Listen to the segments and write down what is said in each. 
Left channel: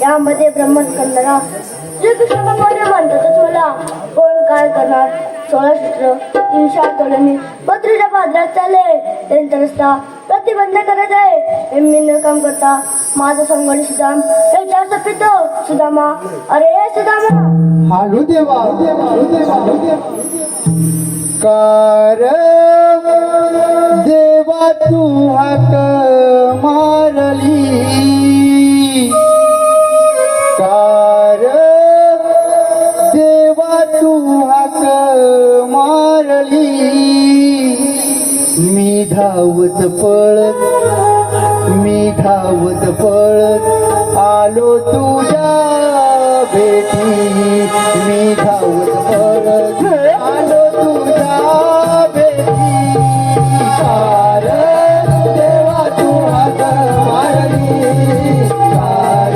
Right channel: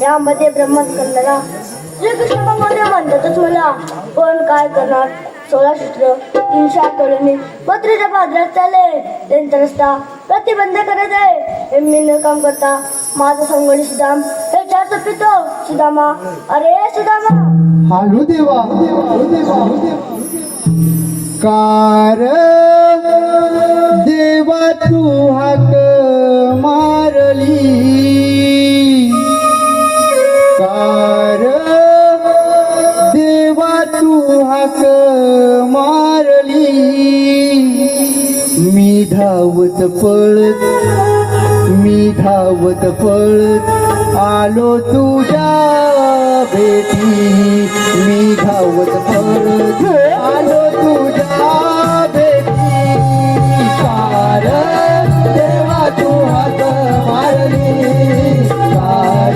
यामध्ये ब्रह्मस्कंदला श्रीकृष्ण भगवान म्हणतातच मला कोण काय करणार 16 सूत्र 308 पत्रीच्या पादरात चालले त्यांचा रस्ता प्रतिबंध करत आहे हे मी न काम करता माझा संगडी सुदाम हे चार सपितो सुदामा अरे सुदामा हालू देवा कार देवा तू हाक मारली कार देवा तू हाक मारली मी धावत पळत आलो तुझ्या भेटी मी धावत पळत आलो तुझ्या भेटी कार देवा तू हाक मारली कार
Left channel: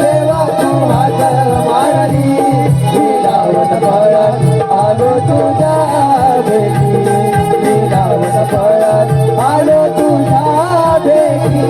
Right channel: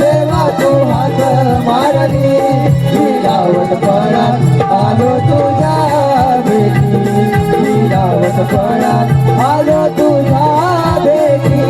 देवा तू हाक मारली मी धावत पळत आलो तुझ्या भेटी मी धावत पळत आलो तुझ्या भेटी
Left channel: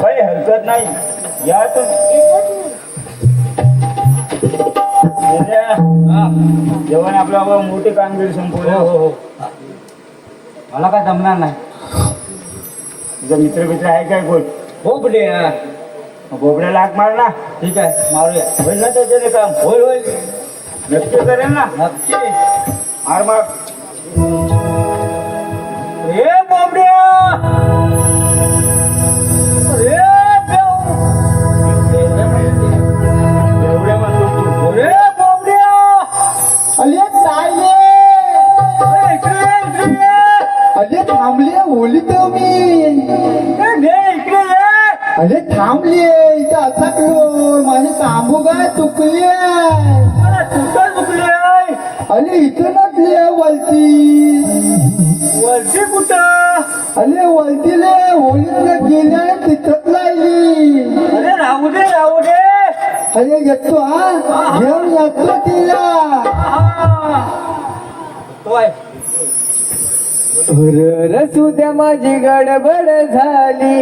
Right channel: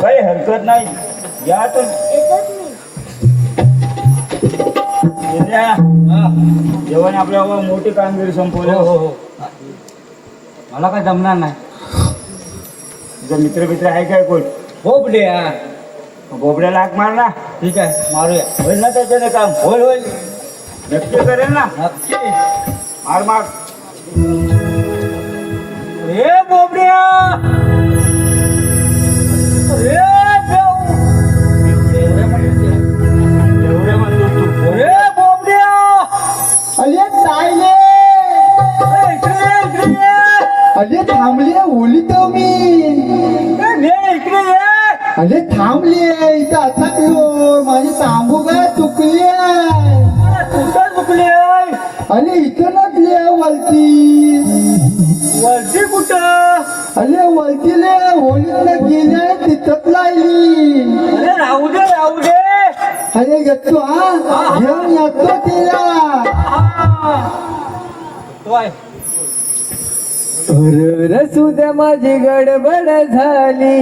काही हरकत नाही या जेवण आपल्या मोठी कामगिरी संपवली. हो मला काय जमणार नाही. तुझे मित्र आहे काय कोण? बोबडे यार बोबड्याला हाक मार ना. ठीक आहे मारूया. होईल ना त्याच्याने काम? होईल नक्की करेल ना. नक्की मार मार. ए बोबड्या अरे थांबले ओली तर मी अरे थांबले इथं अटकलो माझे तांबू काय चुकले अरे इथं नसले वलती कुठं? अरे वलतीले होलीला गेले तिथंच लायली. अरे राहू दे. अरे येतो हा घेऊन येतो तिला. रसू द्या माझी गडबड झाली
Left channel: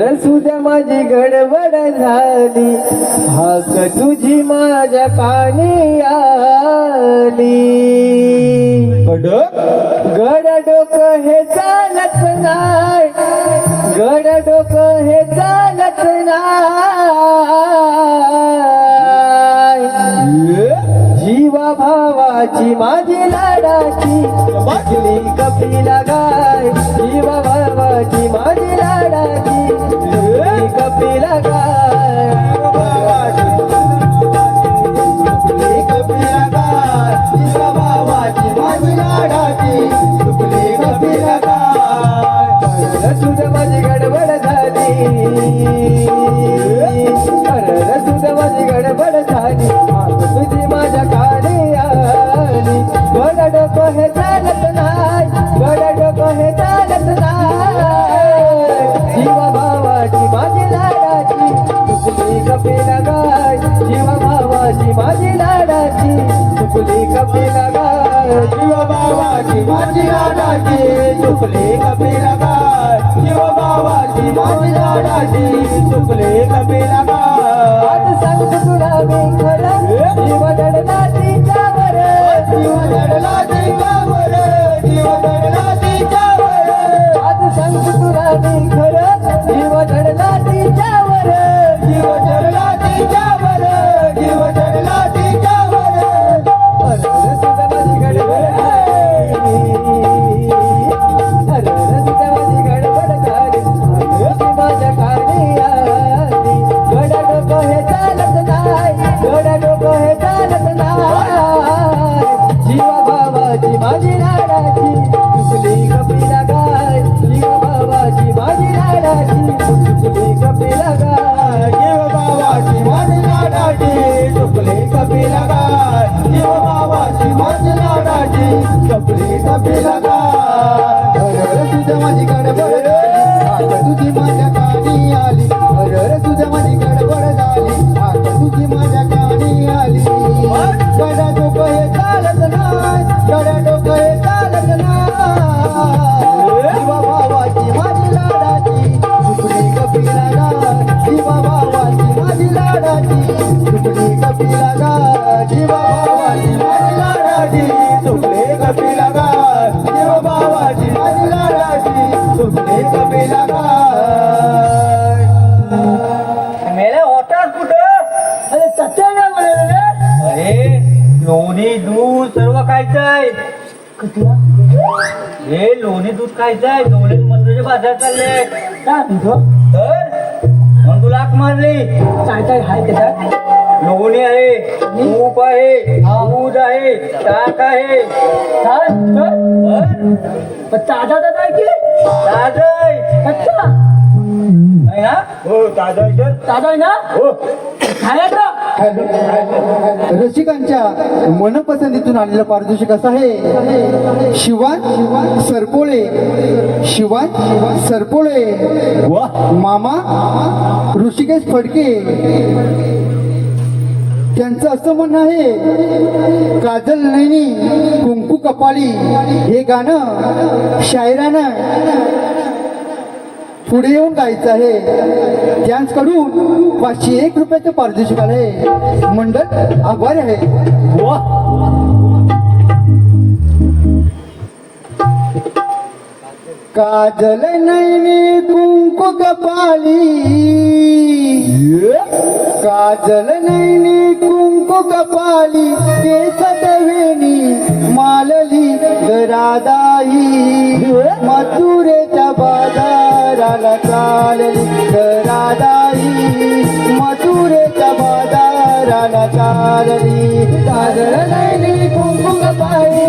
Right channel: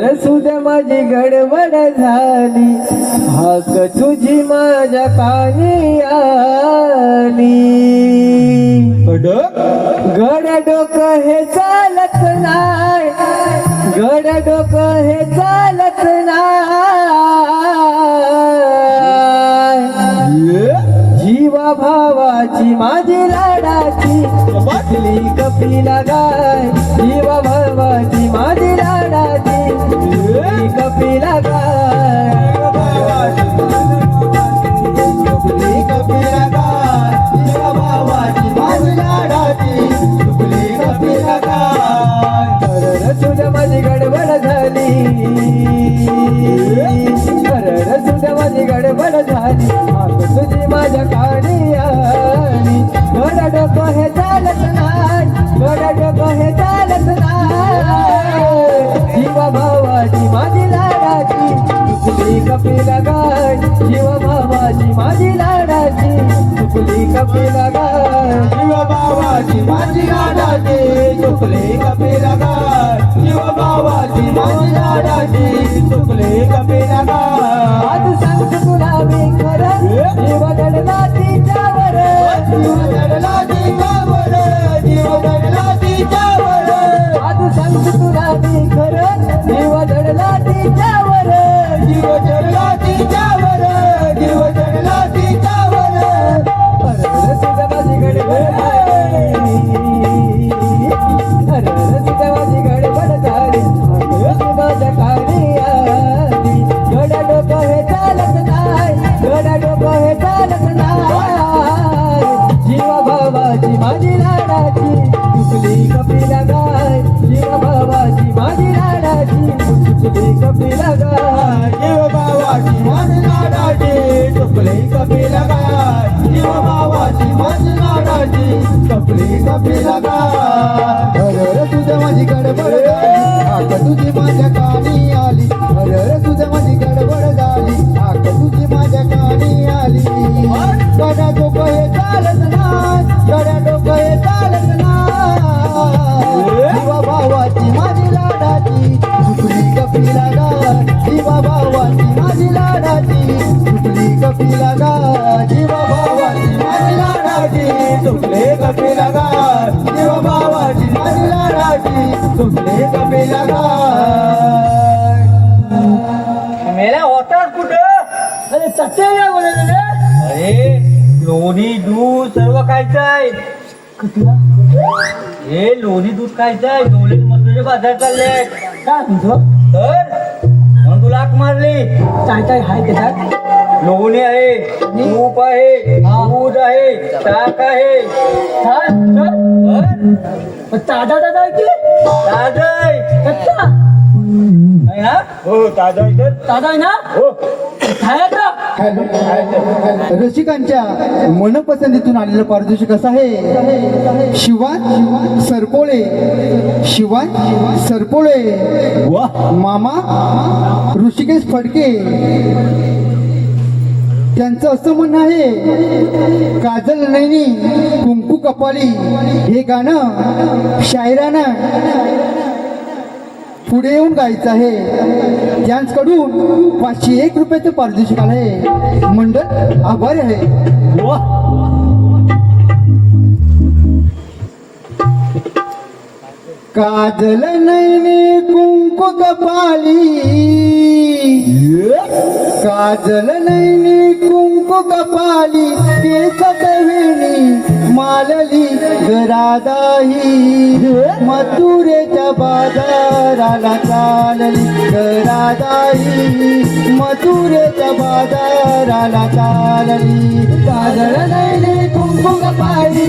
रसू द्या माझी गडबड झाली हाक तुझी माझ्या कानी आली गड डोकं हे चालत नाही गड डोकं हे चालत नाही जीवा भावाची माझी लाडाची बसली कपिला गाय जीवा भावाची माझी लाडाची बसली कपिला गाय बसली कपिला गाय जीवा भावाची माझी लाडाची बसली कपिला गाय रसून माझी गडबड झाली रसून माझी गडबड झाली तुझी माझ्या काढी आली गड डोकं हे चालत नाही गड डोकं हे चालत नाही जीवा भावाची माझी लाडाची तुझी कपिला गाय जीवा भावाची माझी लाडाची तुझी कपिला गाय जीवा भावाची माझी लाडाची तुझी कपिला गाय जीवा भावाची माझी लाडाची तुझी कपिला गाय आज सांगतो तुला मी खरं जीवा दडला तिच्यावर जीवा दडला तिच्यावर जीवा दडला तिच्यावर आज सांगतो तुला मी खरं जीवा दडला तिच्यावर जीवा दडला तिच्यावर जीवा दडला तिच्यावर सुद्धा माझी गडबड सुद्धा माझी गडबड झाली माझ्या कानी आली गड डोकं हे चालत नाही गड डोकं हे चालत नाही जीवा भावाची माझी लाडाची तुझी कपिला गाय जीवा भावाची माझी लाडाची तुझी कपिला गाय जीवा भावाची माझी लाडाची तुझी कपिला गाय जीवा भावाची माझी लाडाची तुझी कपिला गाय तुझ्या माझी गडबड तुझी माझ्या कानी आली तुझ्या माझी गडबड झाली तुझी माझ्या कानी आली गड्या डोकं हे चालत नाही गड्या डोकं हे चालत नाही जीवा भावाची माझी लाडाची तुझी कपिला गाय जीवा भावाची माझी लाडाची तुझी कपिला गाय जीवा भावाची माझी लाडाची तुझी कपिला गाय जीवा भावाची माझी लाडाची तुझी कपिला गाय मेला होतात कुठं अरे चटई नाही बोलायला रे अरे लोणी दूध सर्व खायचं आहे कटला हे लोणी दूध खायचं आहे डोळे मग तुझे बाजार चालले का तुझं तर मग तुला हाक मारली काय काय हाय त्याच्यात लोणी आहे तूप आहे दूध आहे ताक आहे काय तर ताजा ताजा आहे की ताजं आहे कच्चा आहे ना हो ताजं आहे तर ताजा आहे ना हो खायचा रसिकांच्या मनपसंतीतून आलेलं पारितोषिक असं आहे शिवान सरपोळे मामा ऋषिकेश फडके त्यांचं असं म्हणणं आहे काजल नैनी कुंकू कपाली हे गाणं शायरानं पुढे येऊन गायचं आहे त्यांच्याकडून 501 रुपयाचं पारितोषिक आहे मंडळ आभारी आहे काजल नैनी कुंकू कपाली काजल नैनी कुंकू कपाली केस गवेणी मालली गरादाही मथुरेच्या बाजाराला चालली गरादाही मथुरेच्या बाजाराला चालली काजल नैनी कुंकू कपाली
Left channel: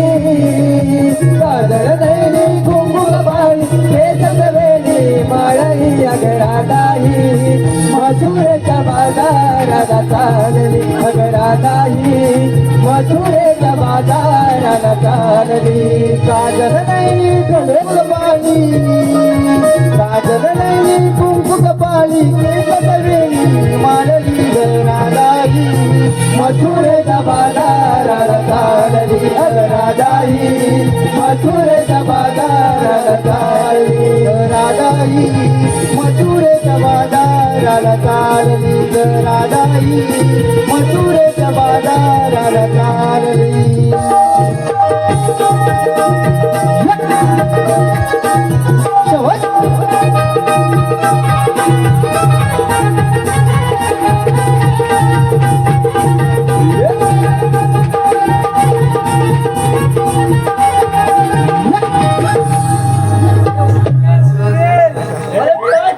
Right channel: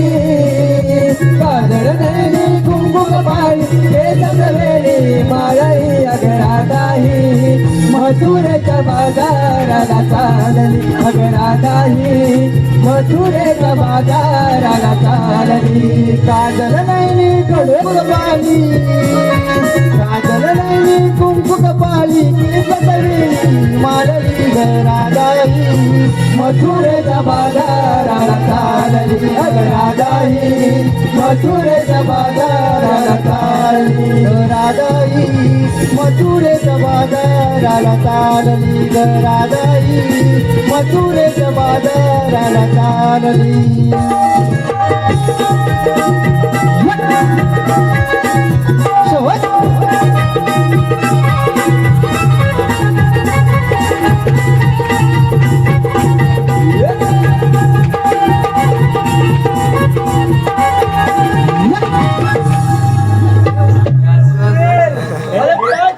काजल नैनी कुंकू कपाली केस गवेणी मालली गरादाही मथुरेच्या बाजाराला चालली गरादाही मथुरेच्या बाजाराला चालली काजल नैनी कुंकू कपाली काजल नैनी कुंकू कपाली केस गवेणी मालली गरादाही मथुरेच्या बाजाराला बाजाराला चालली अग राजाई मथुरेच्या बाजाराला चालली राजाई मथुरेच्या बाजाराला चालली ग राजाई मथुरेच्या बाजाराला चालली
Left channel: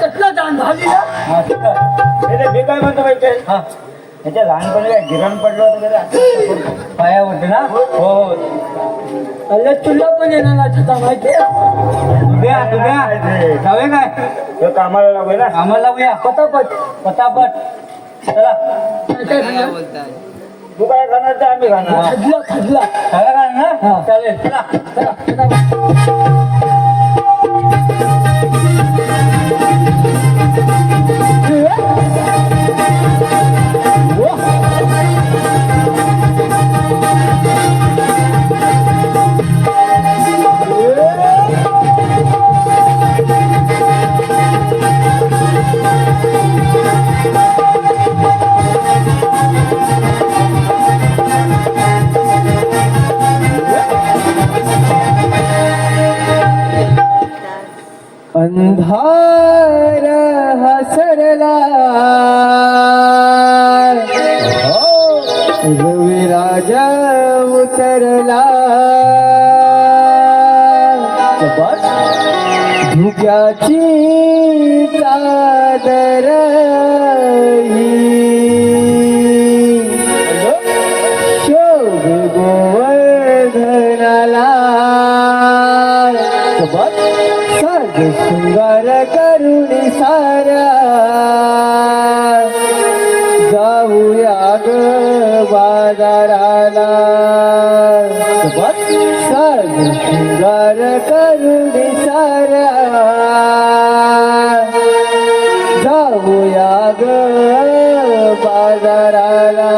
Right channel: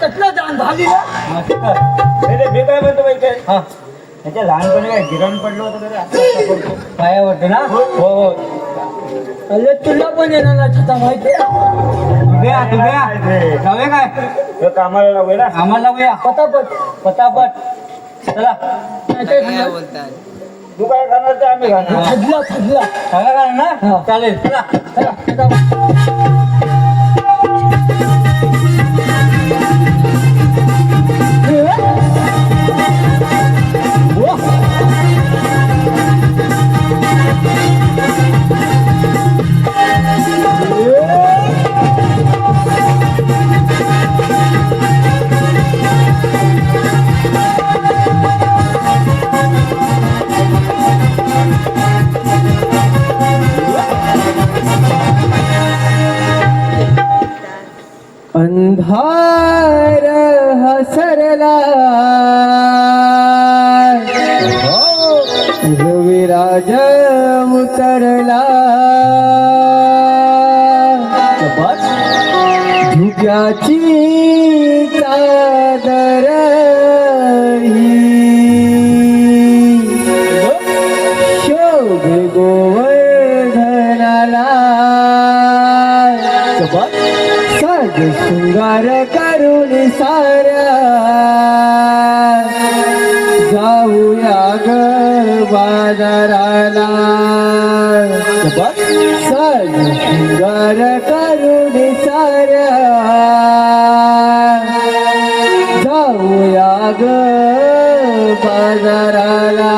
कसला जाण झाली मी काय म्हणतो माहिती त्याच्या लहानपणी काय गिरण पडलं होतं पायावरती ना हो तुला पण येणार ना छता माहिती जाऊया काय कामाला लागूया ना कामाला लागूया पतापट पतापट चला तू काय खाणार तर आम्ही खाणार खजला खजला काय खाणार ना चालेल चला चला अंधार हसरला रविराज उतरला धुक्याची चादर शोध गोवर्धनाला सज शृंगार करून सारा जाऊया ग बाजाराला सज शृंगार करून सारा जाऊया ग बाजाराला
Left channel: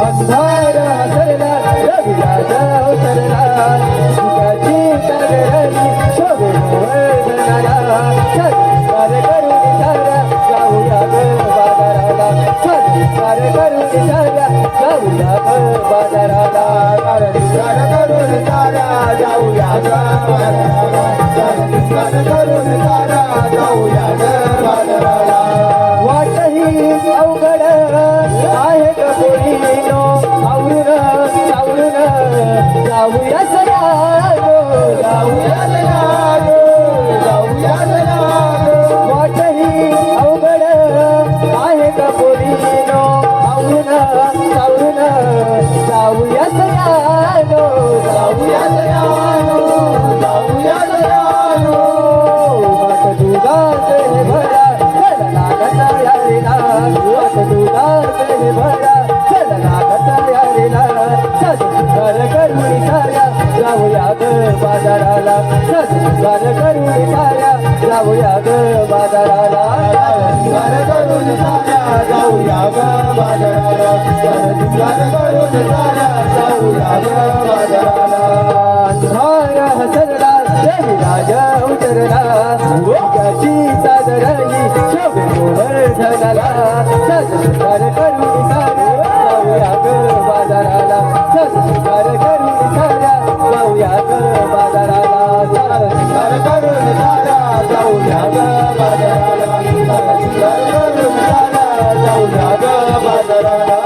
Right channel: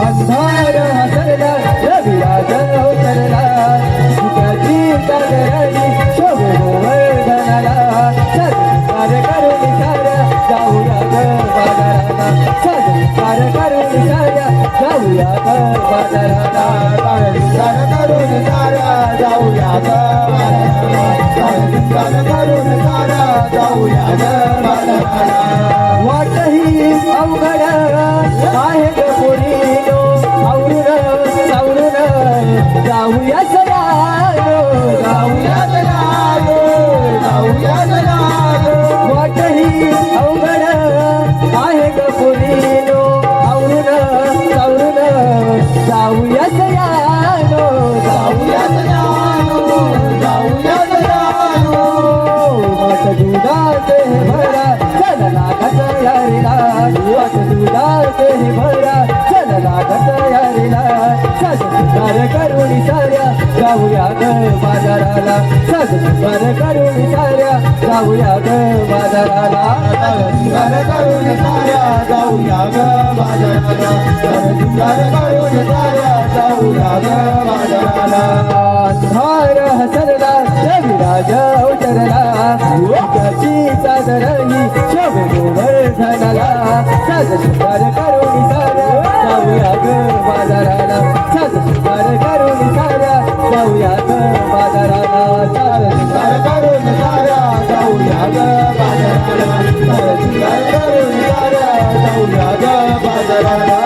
अंधार हसरला रविराज उतरला धुक्याची चादरली शोभून वर्धनाला सत्कार करून सारा जाऊया ग बाजाराला सत्कार करून सारा जाऊया ग बाजाराला सत्कार करून सारा जाऊया ग सत्कार करून सारा जाऊया ग बाजाराला वाटही अवघड आहे ग पोरीनो आवरून जाऊया सयानो जाऊया वाटही अवघड आहे ग पोरीनो आवरून जाऊया सयानो वाट दुधात हे भरा चलना तयारीला वाट दुधात हे भरा चलना तयारीला सत्कार करून साऱ्या जाऊया ग बाजाराला सत्कार करून साऱ्या जाऊया ग बाजाराला सत्कार करून साऱ्या जाऊया ग बाजाराला सत्कार करून साऱ्या जाऊया ग बाजाराला अंधार हसरला रविराज उतरला धुक्याची चादरही शोभे गोवर्धनाला सत्कार करून साऱ्या जाऊया ग बाजाराला सत्कार करून साऱ्या जाऊया ग बाजाराला सत्कार करून साऱ्या जाऊया ग बाजाराला सत्कार करून साऱ्या जाऊया ग बाजाराला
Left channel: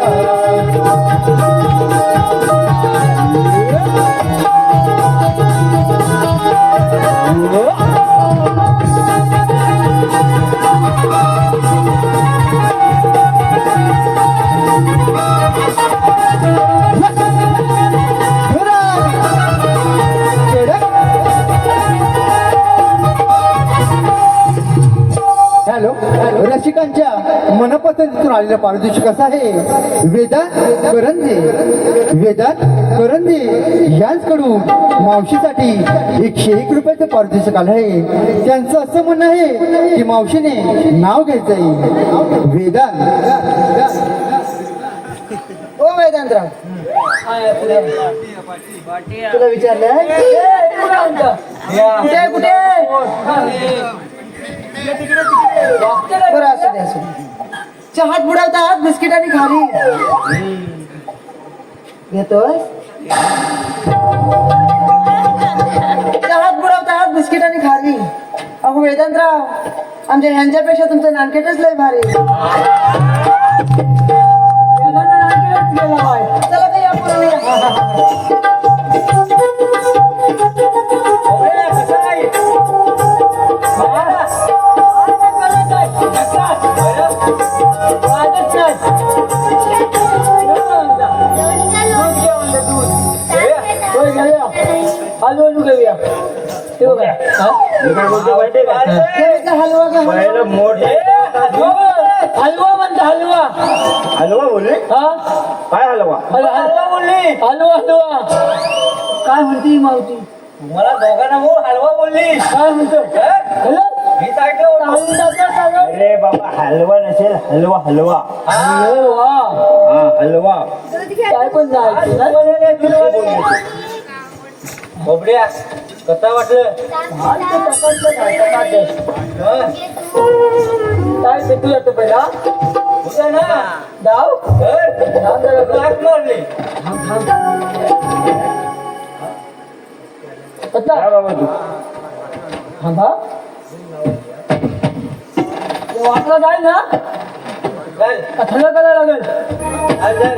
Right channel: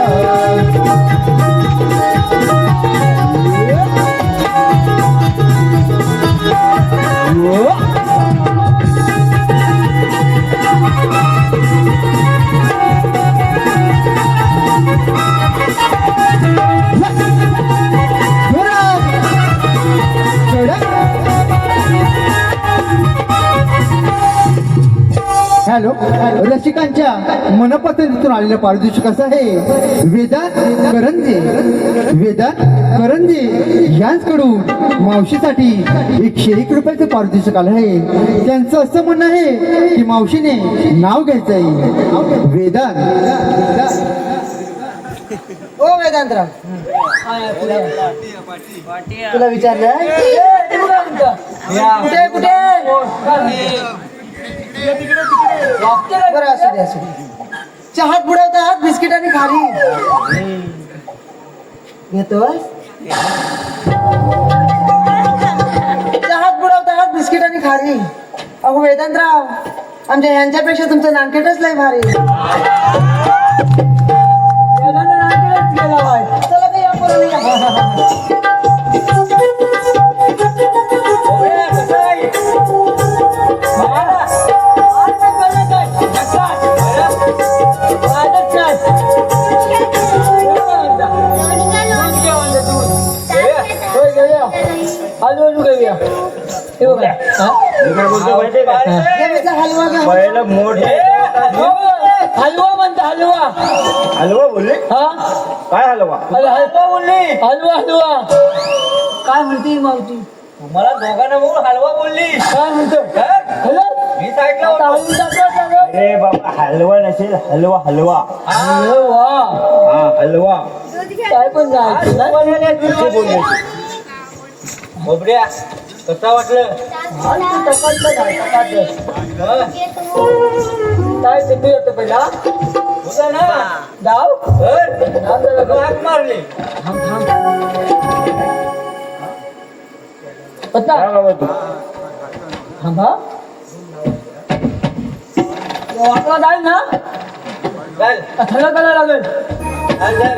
रसिकांच्या मनपसंतीतून आलेलं पारितोषिक असं आहे वेदांत करंजे यांच्याकडून मावशीसाठी 101 रुपयाचं पारितोषिक आलं आहे. त्यांचं असं म्हणणं आहे की मावशीने नाव घ्यायचंय. ओ वेदांतराव, तुला विचारलं कुठे कुठे बरं असू दे असू दे. चहात बुडवतात बिस्किट आणि खारी घेतोय. चहात बुडवतात बिस्किट आणि खारी. अहो वेदांतराव, आमच्या ह्यांच्यापेक्षा तुमचं नानकेटच लय भारी. चला ते या पोरांनी मी काय बोलतो माहितीये का? देवीचा हलवा घ्या. पहिलं मोठे हलवा म्हणता हलवा. हलवा बोलले. हा काय हलवा? हलवा बोलली. हलवा हलवा काय म्हणते मावती? तुम्हाला दोघांना बोल हलवा बोलली. काय म्हणतो? हॅलो मी ऐकलं होतं. अरे बाबा, हलवा नसेल, हलवा हलवा. हलवा हा हलवा. काय पण नाही कसे बोलायचे? बोबड्या, कसा वाटलं? काय सुटू जातं पहिला होता ना डाव मारले. पत्ता काय बाबा तू? थांबा वाटला जाईल ना काय थंड करायला लागेल. काय झालं?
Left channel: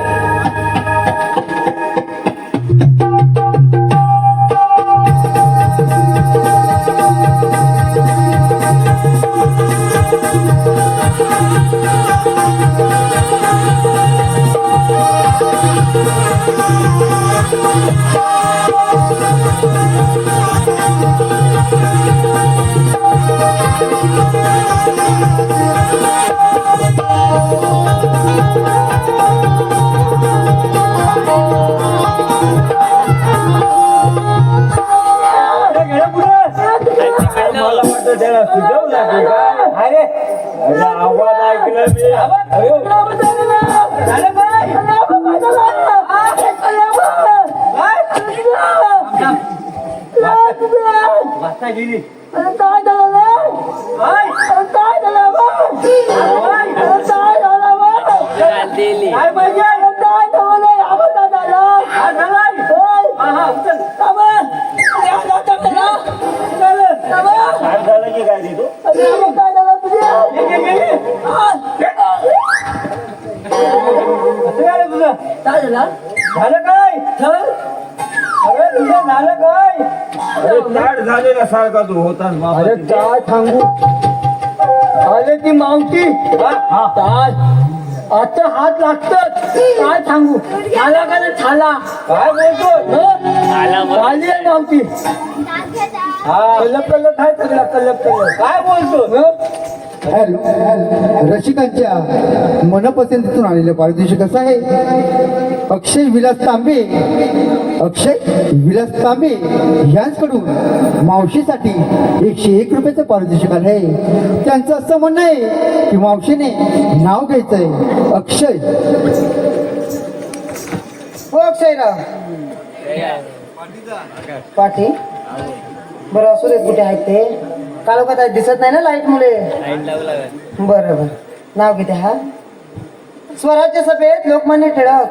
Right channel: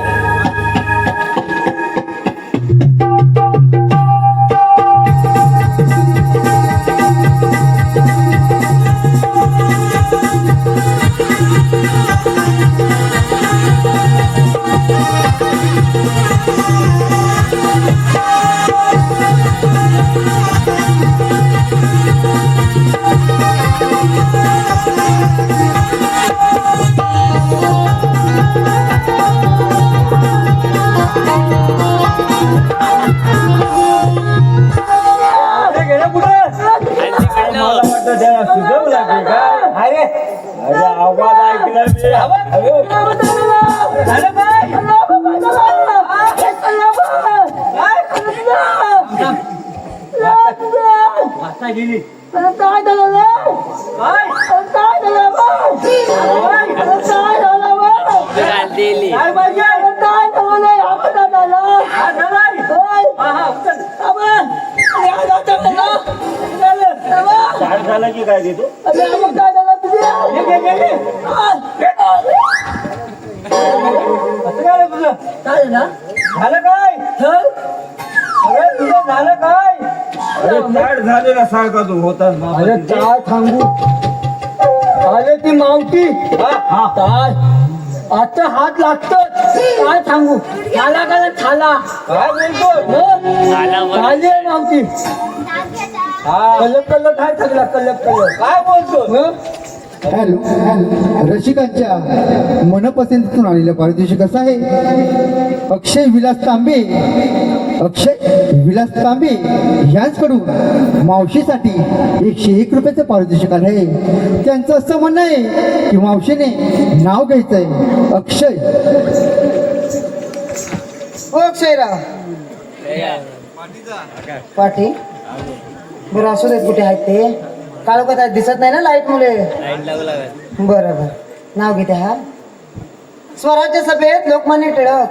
मला वाटतं त्याला सुचवलं लागेल का? अरे आवाज ऐकला मी. वाजता गेली. काय पाहिजे? स्टार्ट झालं की काय देतो? झालं काय? अरे तुझं झालं काय? अरे स्टार्ट झालेला सारखा तू होतास बाबा. अरे काय सांगू अरे ती मावती हा. काय आता हात लागतात काय सांगू छाला का छाला काय बोलतो? आली आहे मावती हा. कलप कलप आहे सगळा कलप कलप काय बोलतो? रसिकांच्या मनपसंतीतून आलेलं पारितोषिक असं आहे अक्षय विलास तांबे यांच्याकडून मावशीसाठी 101 रुपयाचं पारितोषिक आलं आहे. त्यांचं असं म्हणणं आहे की मावशीने नाव घ्यायचंय अक्षय. हो अक्षयराव पाटी. बरं असू देत, कुठे आहेत ते? काळोखात आहेत, दिसत नाही ना लाईट मुले. बरोबर नाव घेते. हा स्वराज्य सभेत लोकमान्य टिळक.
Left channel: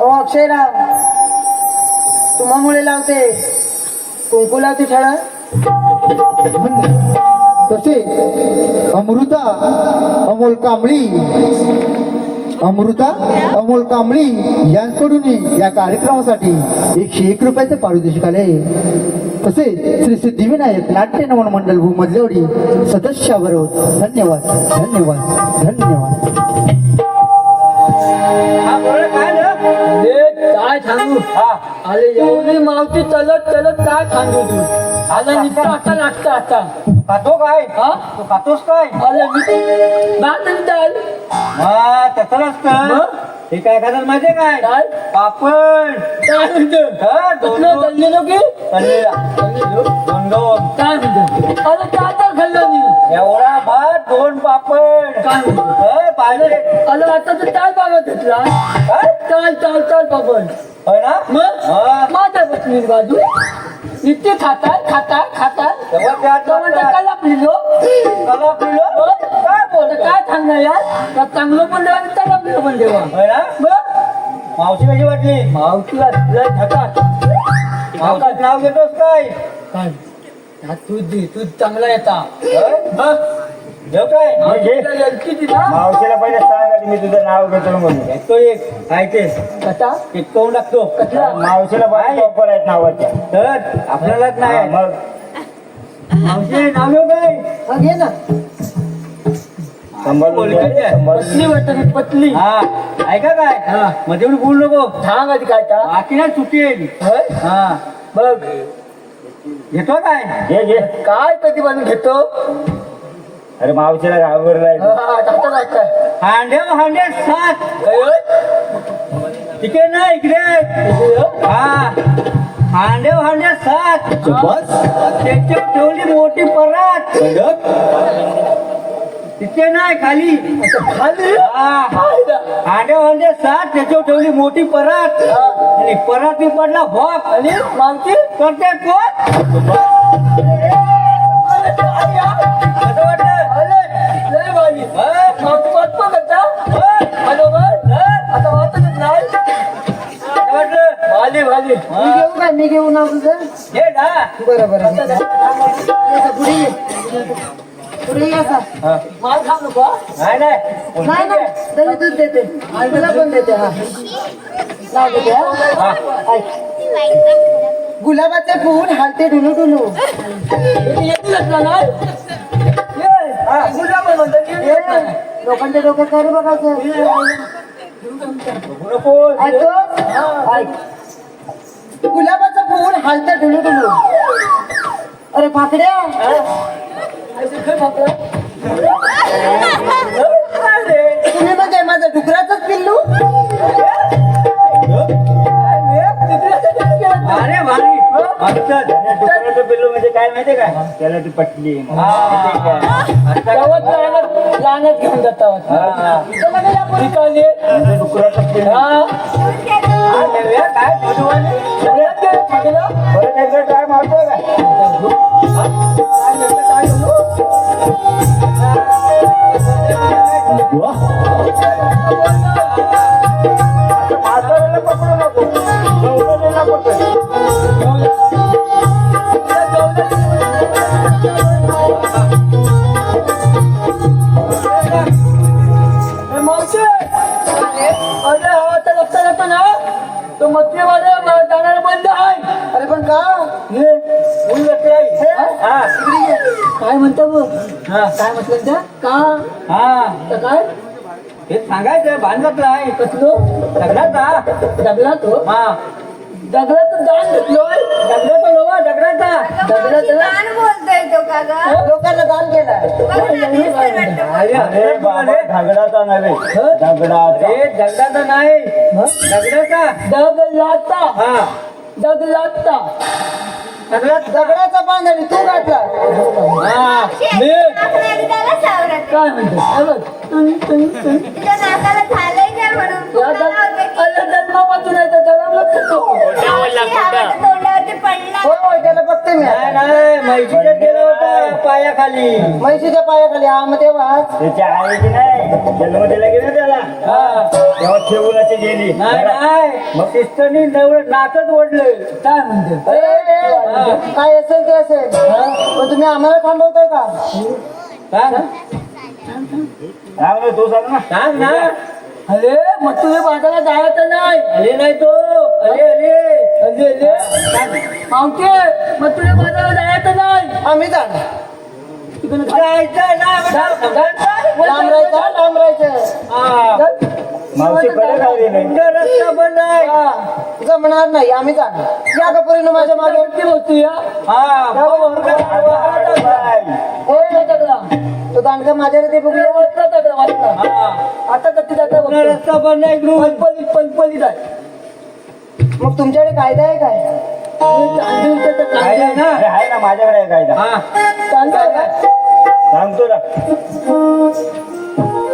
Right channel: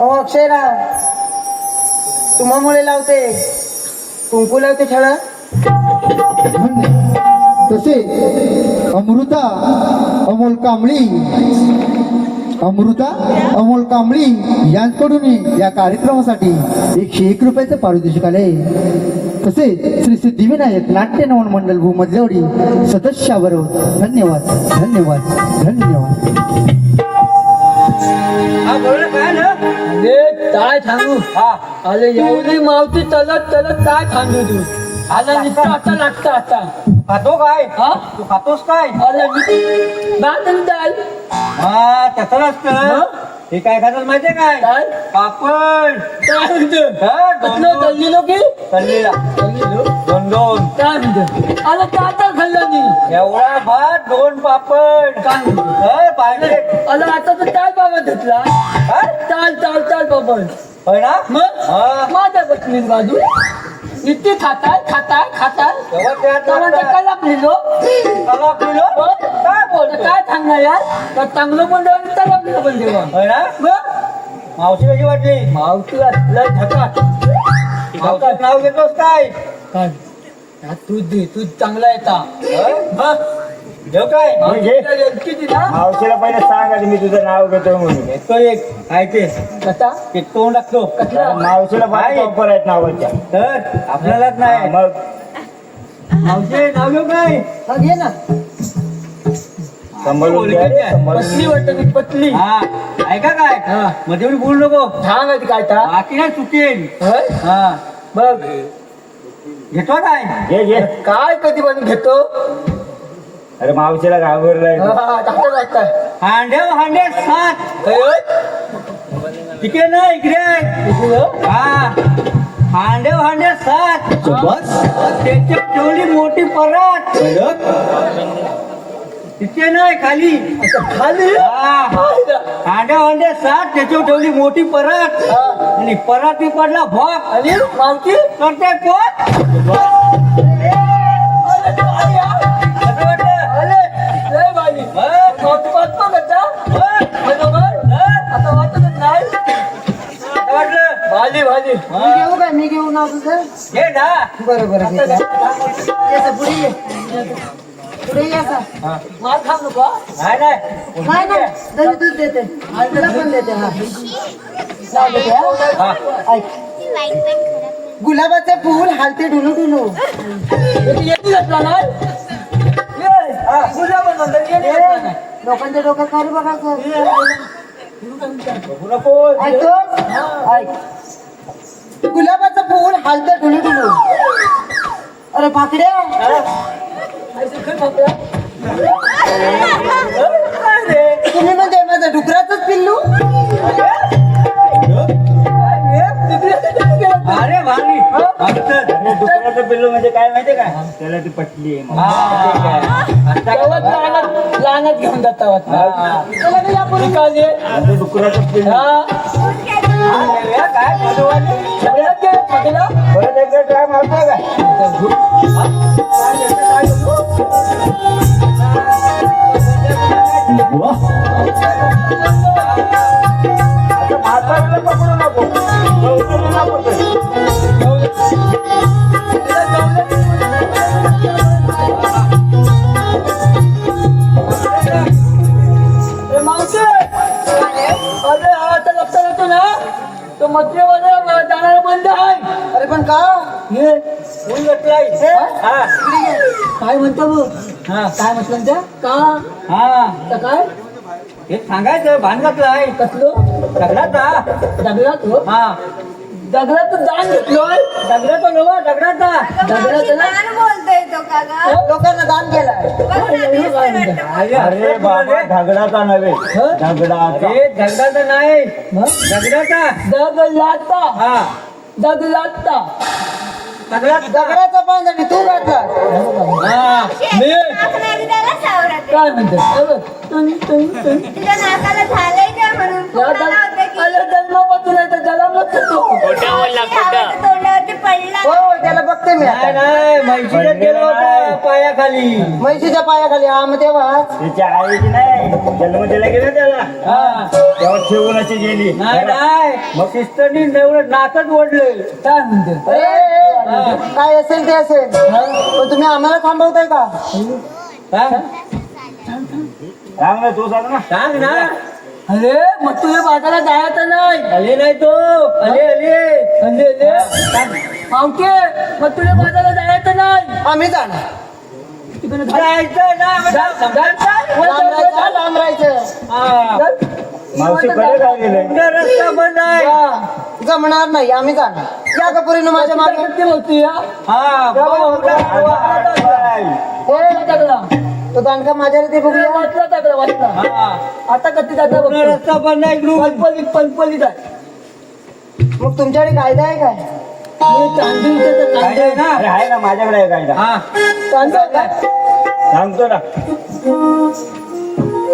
अहो अक्षयराव, तुम्हामुळे लावते कुंकू लावते ठळक. तसे अमृता अमोल कांबळी यांच्याकडून या कार्यक्रमासाठी 101 रुपयाचं पारितोषिक आले. तसेच श्री सिद्धिविनायक नाट्य नवन मंडळ भूमधल्यावडी सदस्याबरोबर धन्यवाद. हा बोल काय ना? अरे काय सांगू हा अरे एवढी मावशी चलत चलत काय सांगू तू आला नुसतं आता लागतं आता खातो काय हा तू खातोस काय आला चाल हा तसं नसतं मग? हे काय खातात माहितीये काय काय पापड काय म्हणतो हा, कुठलं चाललेलो की तळलेला. चाललेलो दोन दोन काय म्हणतो आला काय काय खाल्लं मी एवढा भात 2 पापड काय म्हणतो हा, पाहिजे आला आता तू काय बाबा घेतला काय चाल चाल चाल बाबा होय ना मग हा. माझ्या बसली बाजू इतकी खाताय खाताय खाताय तेव्हा त्यात तेव्हा लागतं. काय लापलेलो कला पिलो काय बोलतो काय सांगणार यार तर चांगलं पण देवा आणि चांगलं पण देवा होय ना मग मावशी कशी वाटली मावशी लय झकाट मावशीचं नाव घेतोस काय काय हा, तू दे तू चांगला येता होय? मग देव काय मावशीला लडकी दिला मावशीला पहिले सांग आधी मी तुझं नाव घेतो म्हणून येतो एक ऐके कसा एक तोंड लागतो कसला मावशीला बाय ऑफर आहेत नावाच्या तर आपल्यालाच नाही मग मावशी नाव घेऊ काय हा, घे ना पतली वाटत मी पतली हा ऐका काय हा. मध्ये येऊन बोलू नको सांग आधी काय ता बाकी नाही चुकेल होय? हा बघ घेतो काय घे घे काय कधी बनवून घेतो अरे मावशीला घाबरलाय टाकता ऐकता हांड्या हांड्या 7 तिकडे ना इकडे हा हांड्या हांड्या 7 बस त्याची तेवढी मोठी परत तिथे नाही खाली खाली हा हांड्या हांड्या 7 त्याच्यावर ठेवली मोठी परत आणि परत मी पडला भोग आणि मावशी करते कोण कसं वाटलं आले लय भाजी हा? मावशी वाटतो कसा हा? बरोबर आता वाटत नाही कसं वाटलं भाजी भाजी मी घेऊ काय मी घेऊ ना तुझं हे ना बरं बरं घे. ये असा, पुढे ये पुढे ये असा. माल खाऊ नको नाही नाही नाही नाही दही दूध देते आणि त्याला पण देते हा नाही देते हा. ऐक. गुलाबाचे फूल हालते डुलू डुलू येते घातला नाही लोकांच्या डोक्यात काय रे बघायचं नको ऐकतो ऐक गुलाबाचं फूल हालते डुलू डुलू अरे पाकड्या तुम्ही म्हणजे माझं डुकराचंच पिल्लू अरे भारी डुकराचं पिल्लू म्हणजे काय माहितीये काय त्याला ती पटली लहानच घेऊन जाता ठिकाणी डुकराचं पिल्लू काय मधुवाली परत एकदा काय मारतो काय आजूबाजूला पकडू नको चौकाला नको. तो मत्रेवाला जाणार बंद आहे अरे पण का ऊन लटलाय. हा काय म्हणता बघ हा काय म्हटलं त्या का हा तर काय हे सांगायचं भांडणातलं आहे कसलं दगडाचा दगडात हो हा दगडात दान घेतलोय दगडाचा नवा दगडाचा दगडात बोलतोय तो का ग लोकांना दान केलाय अरे बाबा दगडाचा नव्हे दगडाचा हे दगडाचा नाही दगडाचा दगलाता हा दगलाता दगडाचा बांधणी तू घातला हा मी काय म्हणतो तुम्ही जन्मापासून आहे तर जरा हो त्याला बघते मी नाही नाही म्हैशीला गेलो होता पायाखाली म्हैशीच्या पायाखाली हा मग तेव्हा त्याची आई की नाही जन्म दिला गेला त्याला तेव्हा ठेवून गेली नाही नाही मग सिस्टरनी नवरं नाकच ओढलं काय म्हणतो काय असेल ते असेल पण तुम्ही आम्हाला थांबवताय का सांग ना तू सांग ना सांग ना अरे मग तुझ्या बाजारात जायचं नाही आले नाही तो आले आले अले अले मावके मग तुझ्या बाजारात जायचं नाही आम्ही जाणार तिकडे जायचं नाही लांब राहायचं हा मावशीकडे काय गेले रस्ता बंद आहे. जमणार नाही आम्ही जाणार या गपोरीनं माझ्या मागे किती होती हा? तो दांडका माझ्या रीती बघूया वाचला टाकला, वाचला. आता कधी जाता रस्ता बंद आहे. पलपलीत आहे. मग तुमच्याकडे कायदा आहे काय कायदा आहे ना? अरे आहे ना, माझ्याकडे आहे कायदा. चांगलं आहे काय? सांगतो ना.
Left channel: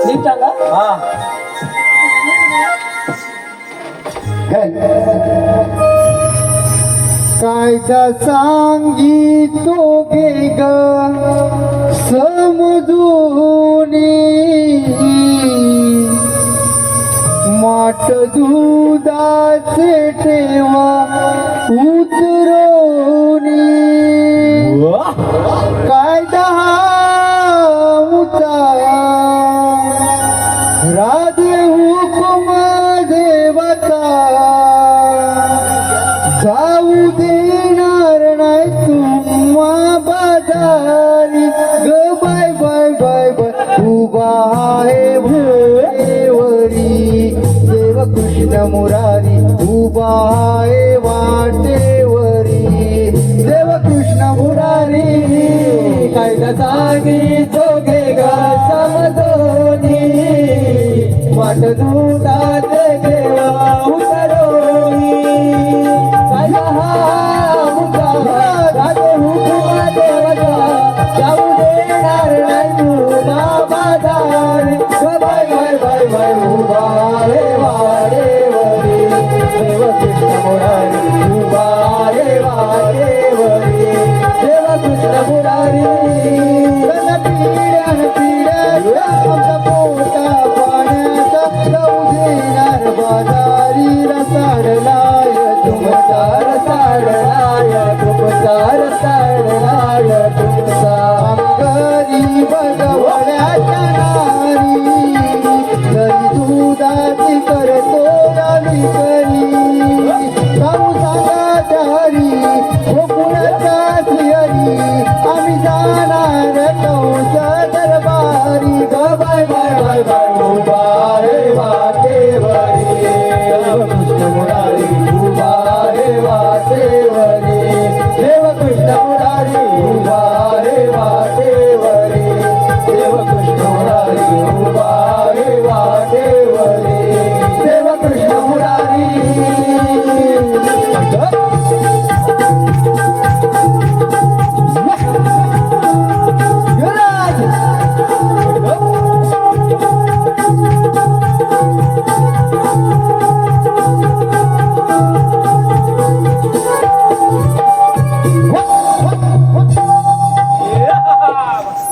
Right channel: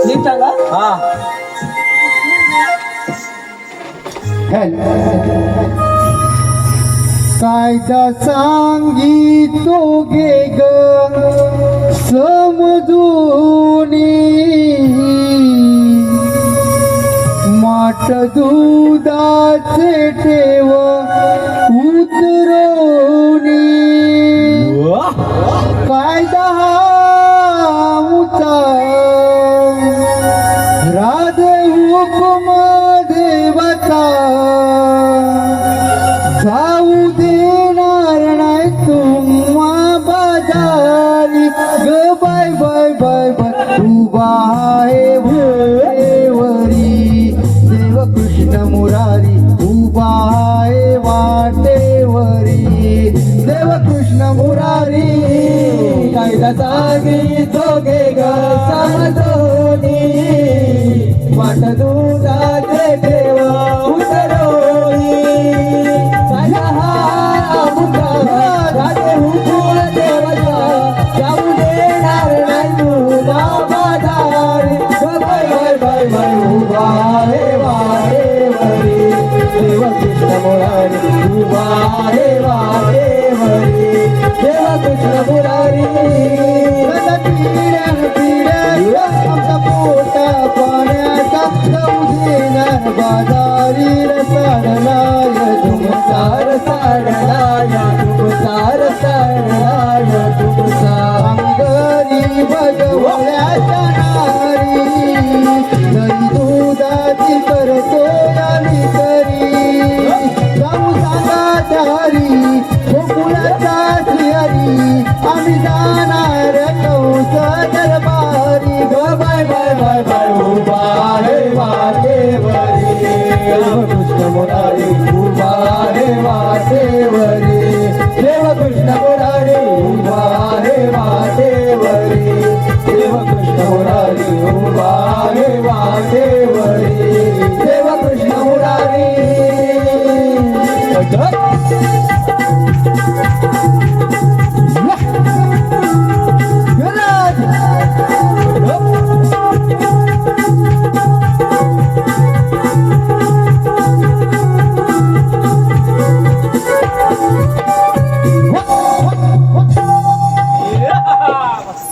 नीट चाला. कायदा सांगितो गे ग समजूनी माठ दुधाचे ठेवा उतरवणी कायदा मुचा राधे हुकुम देवता जाऊ देणार नाही तुम्हा बाजारी ग बाय बाय बाय बाय उभा आहे भोरेवरी देव कृष्ण मुरारी उभा आहे वाटेवरी देव कृष्ण मुरारी कायदा जागी जोगे ग समजोनी वाट दुधाचे ठेवा उतरवणी बाजारी रसाडलाय तुमचार साडलाय तुमचार साडलाय तुमचा गरीब गवळ्याच्या नारी जरी दुधाची करतो आम्ही करी जाऊ सांगा चारी गोकुळाचा श्री आम्ही जाणार कौस दरबारी ग बाय बाय बाय बाय उभा हे वाटेवरी कृष्ण मुरारी उभा हे वाटेवरी देव कृष्ण मुरारी उभा हे वाटेवरी देव कृष्ण मुरारी उभा हे वाटेवरी देव कृष्ण मुरारी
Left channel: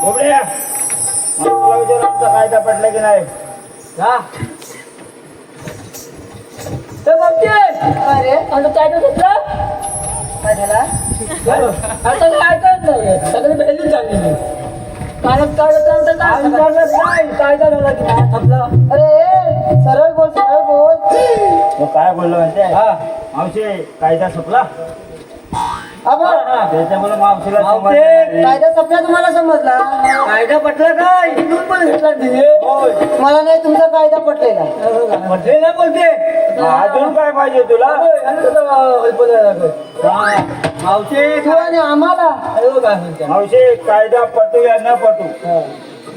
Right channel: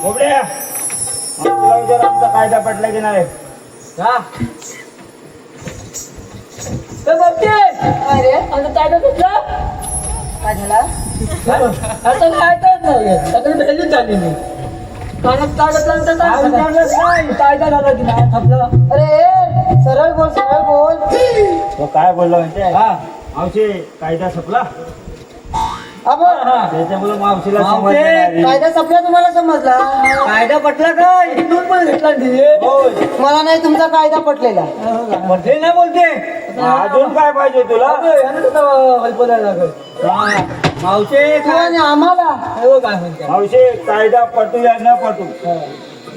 बोबड्या, तुला विचार आमचा कायदा पडला की नाही? काय रे आणि काय करत काय झाला आता काय काय नाही सगळं भेटून चाललेली कागद कागद नाही कायदा झाला की नाही थपलं अरे सरळ बोल सरळ बोल तो काय बोललो माहितीये? मावशी कायदा संपला. त्याच्यामुळे मावशीला समजलं नाही. कायदा संपला तुम्हाला समजला कायदा पटला काय तू पण घेतला तिने होय. मला नाही तुमचा कायदा पटलेला म्हटले ना बोलते अजून काय पाहिजे तुला? मावशे तू आणि आम्हाला काय म्हणते मावशी कायदा पटू या न पटू,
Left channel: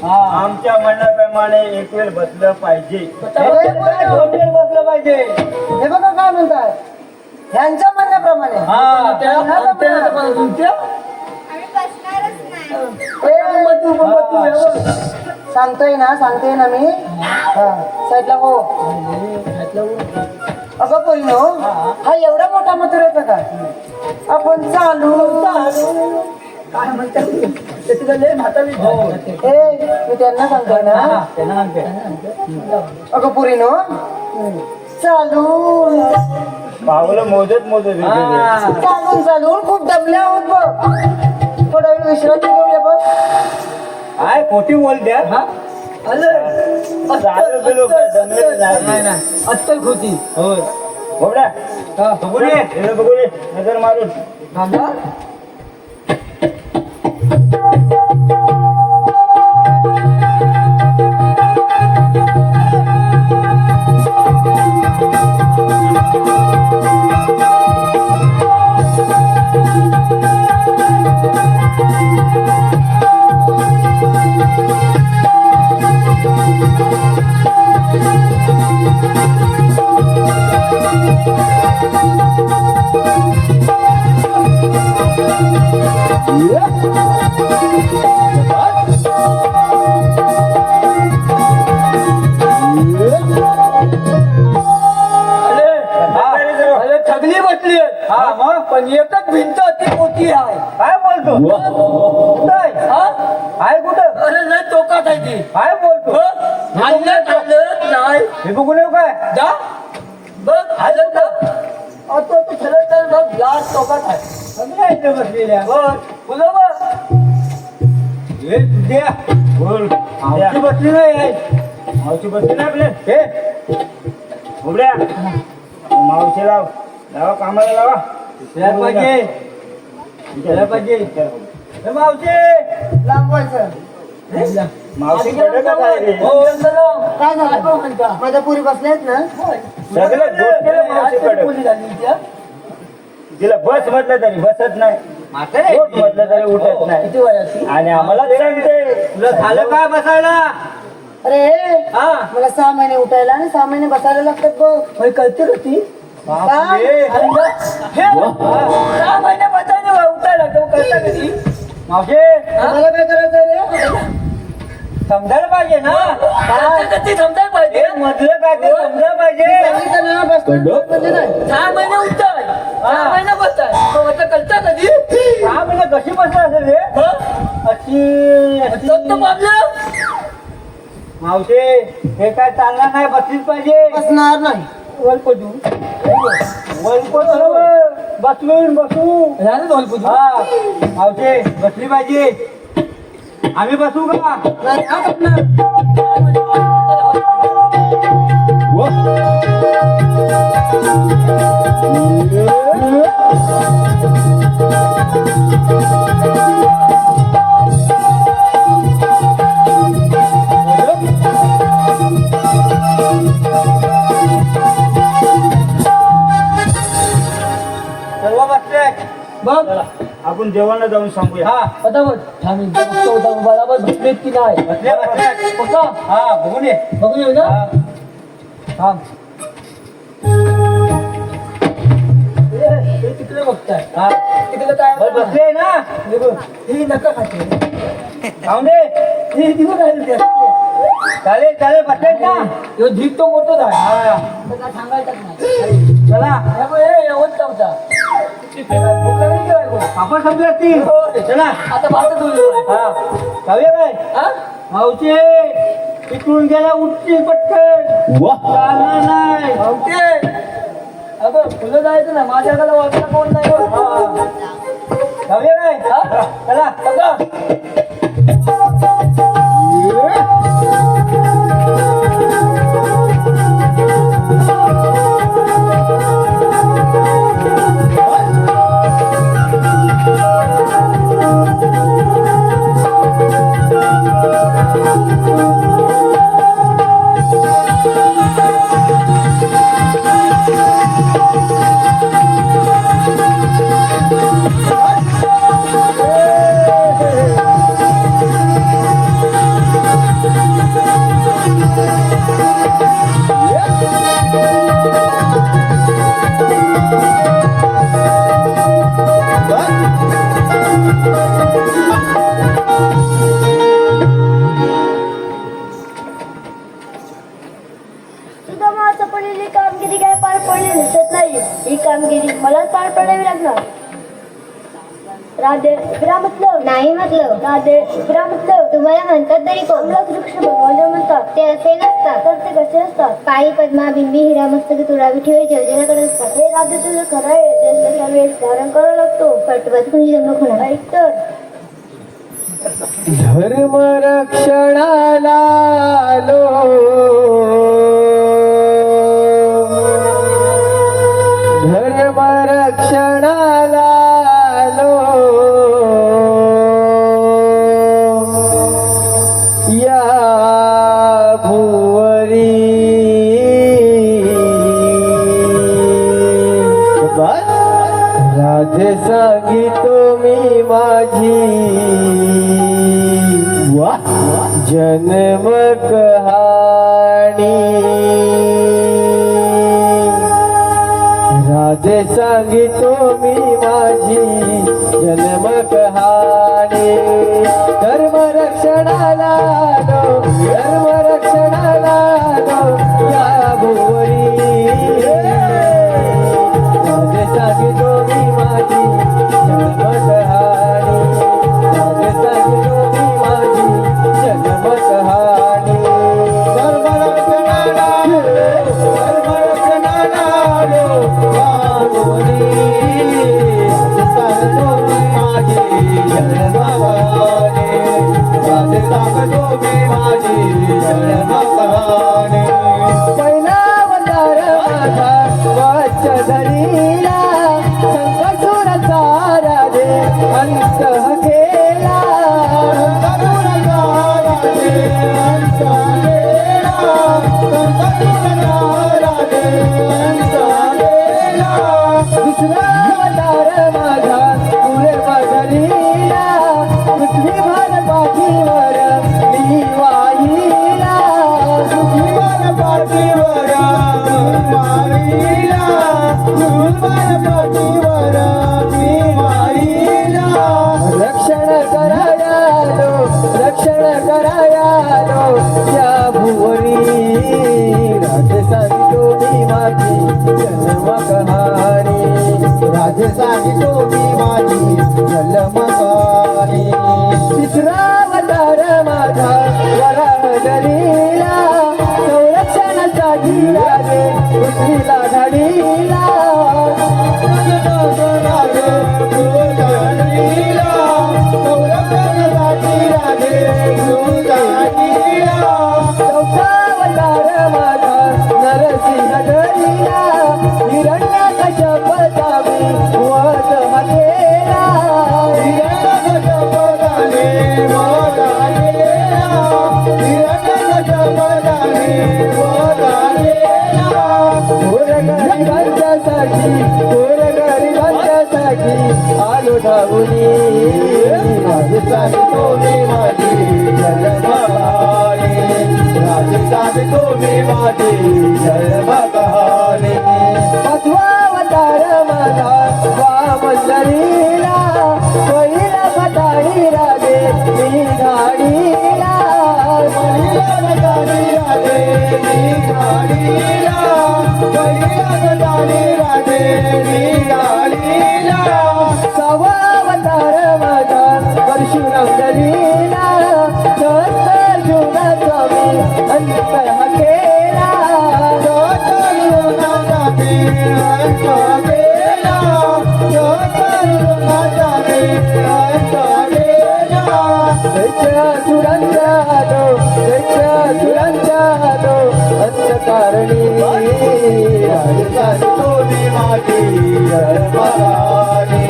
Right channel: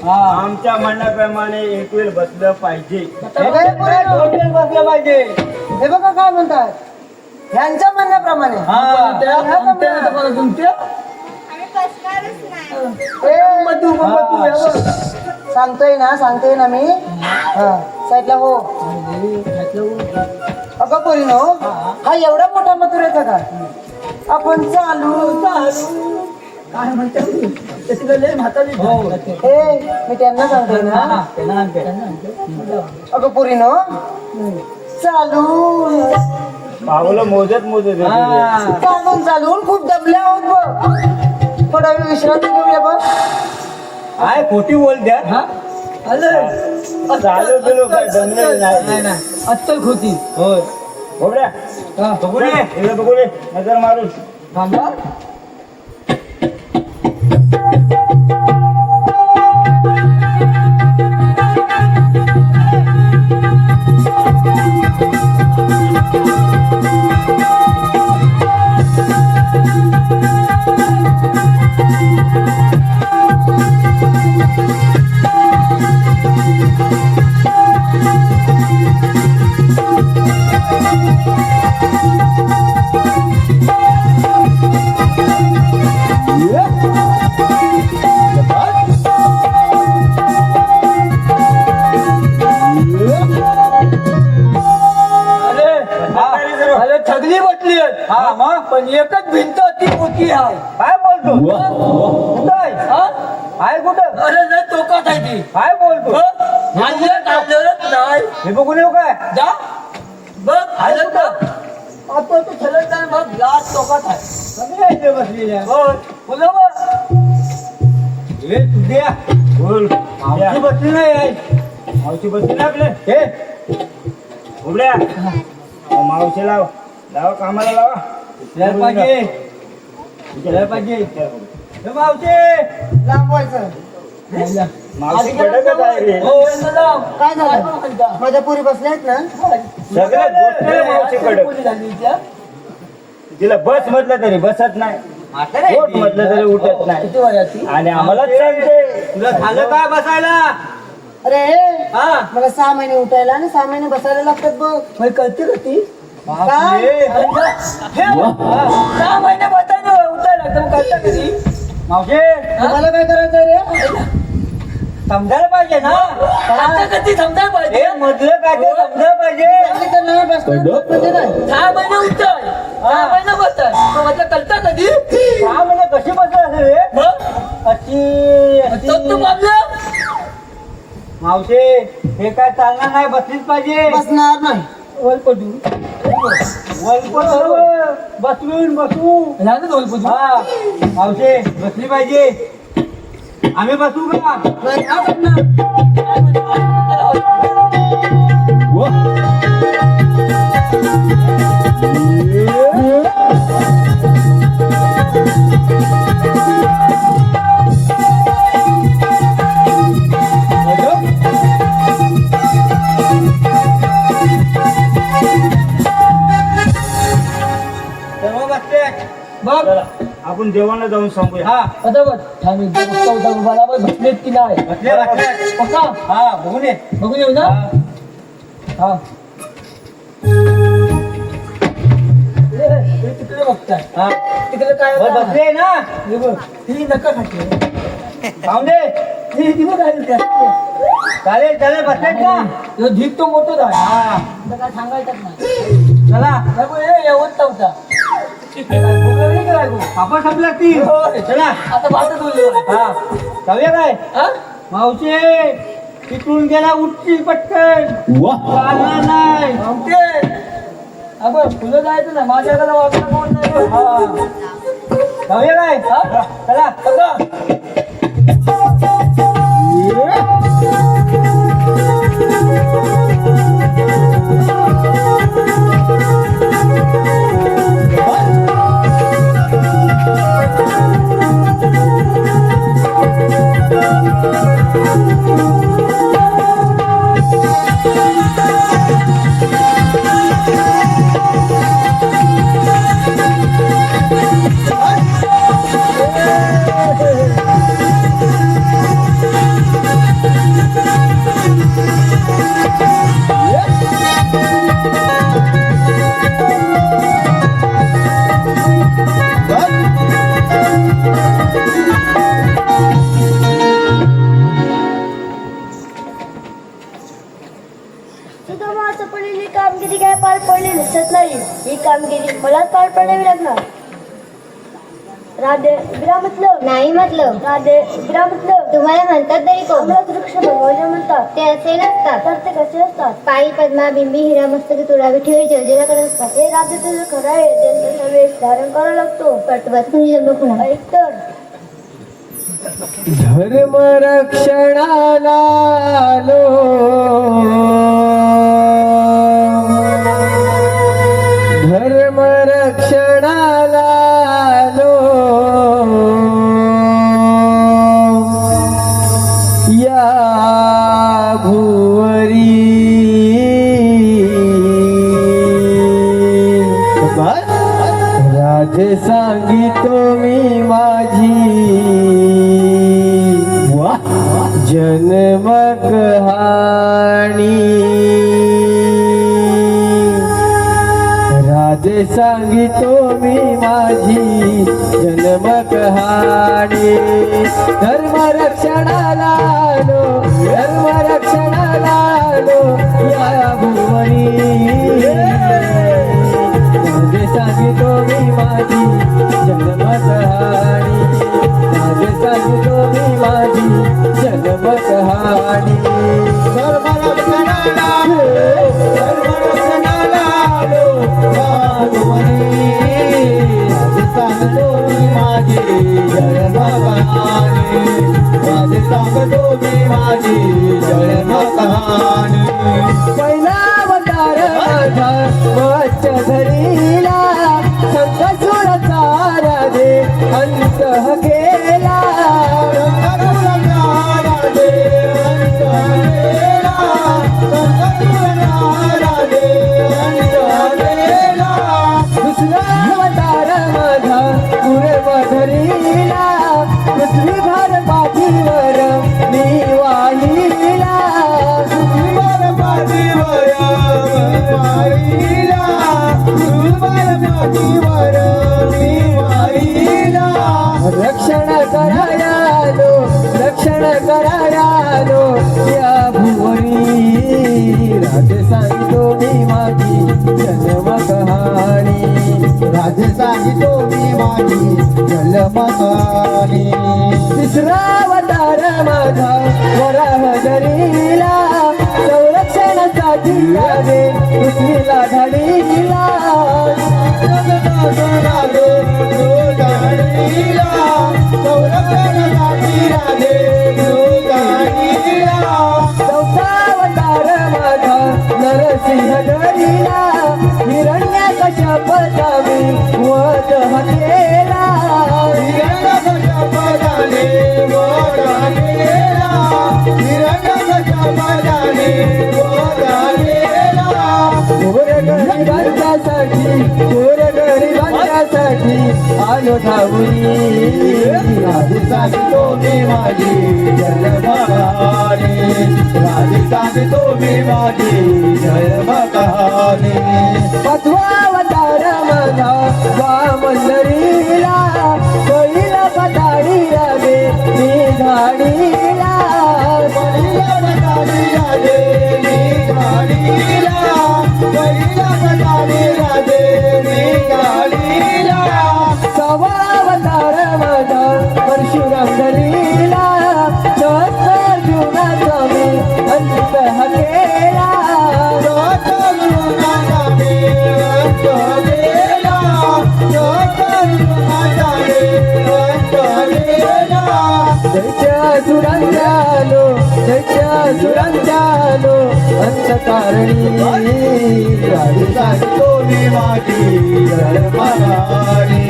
आमच्या म्हणण्याप्रमाणे एक वेळ बसलं पाहिजे. बसला पाहिजे हे बघा काय म्हणतात ह्यांच्या म्हणण्याप्रमाणे सांगताय ना मी साईडला हो अगं पोरीनो हा एवढा मोठा मथुर येतो का आपण चालू काय म्हणतात म्हातारी मी त्यांना सांगतोय ना अगं पोरीनो चालू पावलं मोजत चालून चालून खूप दबले आहोत बघ थोडा वेळ विश्रांती घेऊया बघ काय खोटी बोल द्या अत्तल खोटी होय. बोबड्या, बघू दे, इकडे बघू दे, नजर मारून. अरे ठगली बसली आहेत. हा मग पण एकच भिंत ती मोठी आहे. काय बोलतो काय हा? काय कुठं अरे लय टोकात आहे ती. काय बोलतो हल्ल्यात हल्लत नाही. हे बघून येऊ काय जा बघ हल्लत ना. आता तू ठरत नाही बघ जास्त टोकात आहे. सगळे आहेत ते बसलेल्या बघ फुलं बघ. हे तुझ्या बोल मावशी बसली नाही आहे मावशी बसली ना आपल्या हे उघड्या मावशी लाव लावा कामाला लावा यायला पाहिजे यायला पाहिजे हे मावशी लांबवायचं मावशी कडकच आहे रे हो, चल जाऊ. काय काय झालं बघ म्हणता? माझ्या पुरी बसलेत ना सगळ्या गोष्टीला मावशी कडक कोणी झाली त्या? तिला बस म्हटलं तरी बसत नाही उठ म्हटलं तरी उठत नाही किती वयाची? आणि आम्हाला सांगते तुला झालं काय बसायला अरे हा मला 6 महिने उठायला आणि 6 महिने बसायला लागतात बघ होय, कळते का ती? काय अरे ग, हे, 6 महिने वाटायला उठायला लागतं, कळतं का ती? मावशी मला काय करायचं रे समजायला पाहिजे ना कळतं का ती समजायला पाहिजे. हे मधलं काय ते समजायला पाहिजे सांगितलं ना बसलं म्हणजे काय 6 महिने उठताय 6 महिने बसताय तो म्हटलं कळतं का ती? हा म्हणजे कशी बसला असेल रे हं? अशी तो तर मागलं. मावशी हे काय चालणार नाही बसलीच पाहिजे बसणार नाही वलपटू. बसवून बसू ह्यानंच वलपटू. हा मावशी बसली पाहिजे आम्ही बसू का नाही हा बसणार. सर्व बसले बघ आपण जेवणाला जाऊन सांगूया हा पटापट थांब एकदा बघतो, होता बरोबर बसलेत की नाही. बसले बसले बसा. हा बघून ये बघून येऊ ना. हा. थांब. हे तिकडे बघताय. हा तिकडे काय बस होतं? बसले ना हे बघ ही नका खाते. जाऊन दे ही दिवस राहिले त्या. चालेल चालेल बसलेत ना ह्यो ढीक तो मोठोच आहे. हा तर काय सांगायचंच नाही. चला हे बघ, हे एवढं होता. भूक लागली का बायको? आपण संपले असतील चला आता भात तुझं. हा जाऊया काय हा? मावशी तिकडून गेला उठची पटकन चालणार नाही भावते. अगं फुलं जायचं ना माझ्याकडे वाचला कोण नाही. जाऊया काय हा? चला अगं सुदामाचं पडलेली कामगिरी काय पार पडली दिसत नाही ही कामगिरी मला पार पाडावी लागणार राधे विरा म्हटलं नाही म्हटलं राधे विरा म्हटलं तुम्हाला म्हणतात नाही कोण आम्हाला वृक्ष बनवले म्हणतात ते असे नसतात तर ते कसे असतात पाणी पद्मा बिंबी हिरा मस्तक तुळा विठ्ठल जलजलाकडे असतात हे राधे तुझं खरं आहे त्यांच्यासाठी आम्ही स्मरण करावं लागतो पटवत कोणी जन्म खुणा ऐक तर धर्म रक्षणाला आलो धर्म रक्षणाला आलो या भुवरी राजे सांगितो मी माझी जन्म कहाणी राजे सांगितो मी माझी जन्म कहाणी माझी जन्मकहाणी राधे सांगतो मी माझी जन्मकहाणी पहिला अवतार माझा वच्च धरीला संकटसुर राधे अंत गेला दुसरा अवतार माझा पूर्वधलीला पृथ्वी भार पाठीवर मी वाहिला पृथ्वी भार पाठीवर मी वाहिला रक्षण करायालो या भुवनी राजे सांगतो मी माझी जन्मकहाणी राजे सांगतो मी माझी जन्मकहाणी तिसरा अवतार माझा वराह धरीला संरक्षणासाठी राजे पृथ्वीला ढालीला नरसिंह धरीला हिरण्या कशापदाने वध हाकेला गोरगरिबांच्यासाठी आलो धावूनी राजे सांगतो मी माझी जन्मकहाणी राजे सांगतो मी माझी जन्मकहाणी सातवा अवतार माझा वामंदरीला पहिला फटाडी लागे मी गाडीला पहिला फटाडी लागे मी गाडीला पहिला फटाडी लागे मी गाडीला सहावा अवतार माझा परशुराम धरीला सहस्र युगाचा मी अंत हाकेला दुरंजालो अंतकारणी राजे सांगतो मी माझी जन्मकहाणी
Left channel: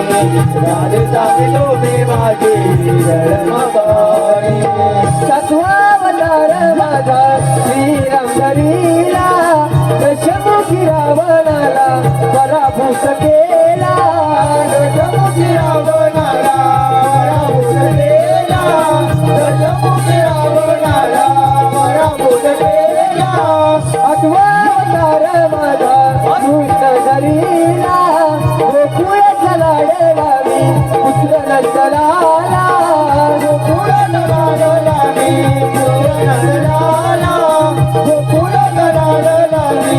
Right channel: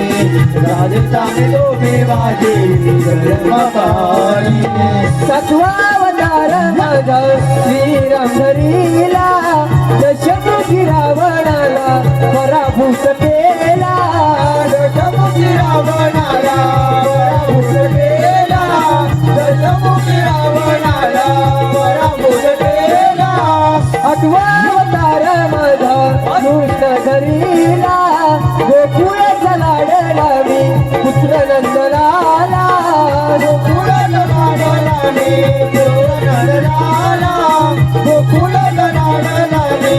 राजे सांगतो मी माझी जन्मकहाणी सातवा अवतार माझा श्रीराम धरीला दशमुखी रावणाला पराभूत केला दशमुखी रावणाला पराभूत केला दशमुखी रावणाला पराभूत केला आठवा अवतार माझा कृष्ण धरीला गोकुळाचा लाडला मी पुत्र नंदलाला गोकुळाला लाडला मी गोकुळाला लाडला मी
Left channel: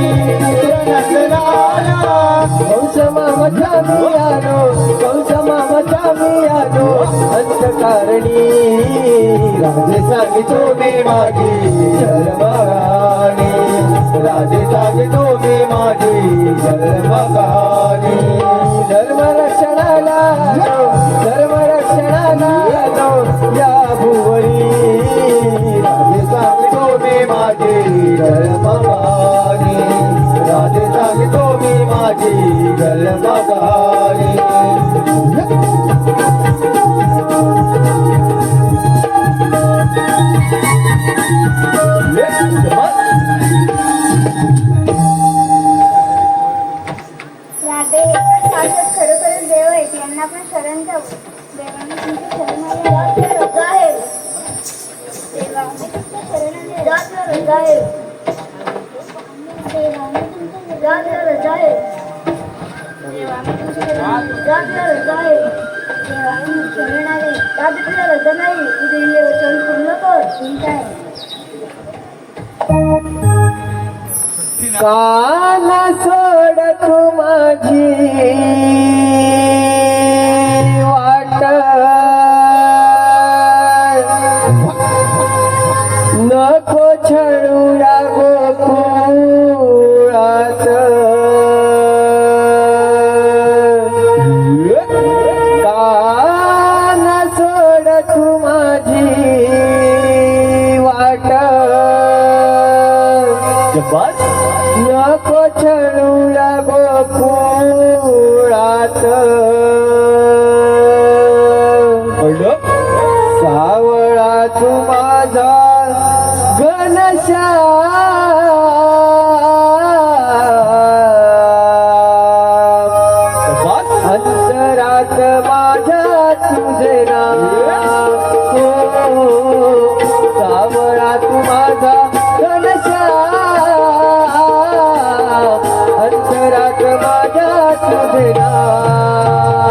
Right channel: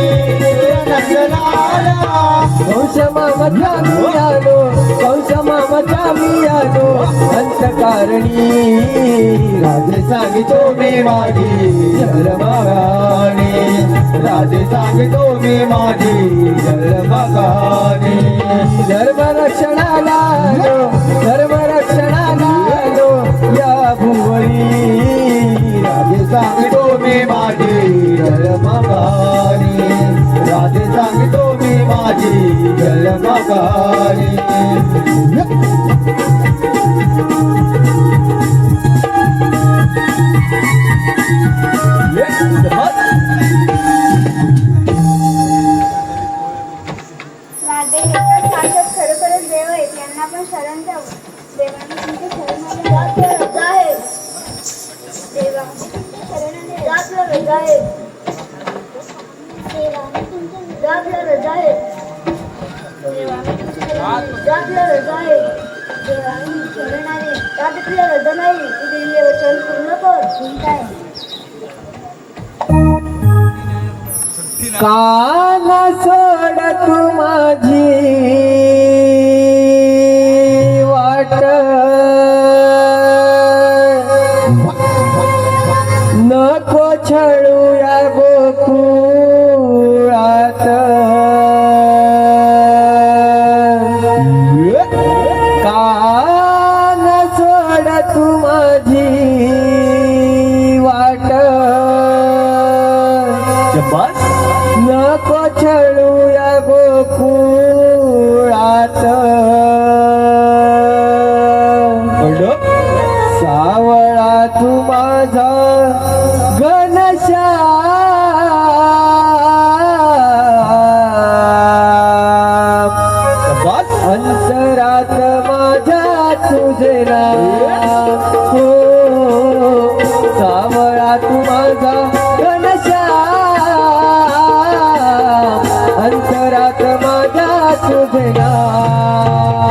कंसमामचा मी आलो अंतकारणी राजे सांगतो मी माझी जन्मकहाणी राजे सांगतो मी माझी जन्मकहाणी धर्मरक्षणाला या भुवनी राजे सांगतो मी माझी जन्मकहाणी राजे सांगतो मी माझी जन्मकहाणी राधे एकाच माणसात खरोखरच देव आहेत यांना पण शरण जाऊ देवाने तुमच्या शरणाला देवाने तुमच्या शरणाने वचन पूर्ण कर तुमचा कान सोड तू माझी वाट नको छळू गोकुळात कान तुझे नाव हो सावळा तू माझा अंतरात माझ्या तुझे नाव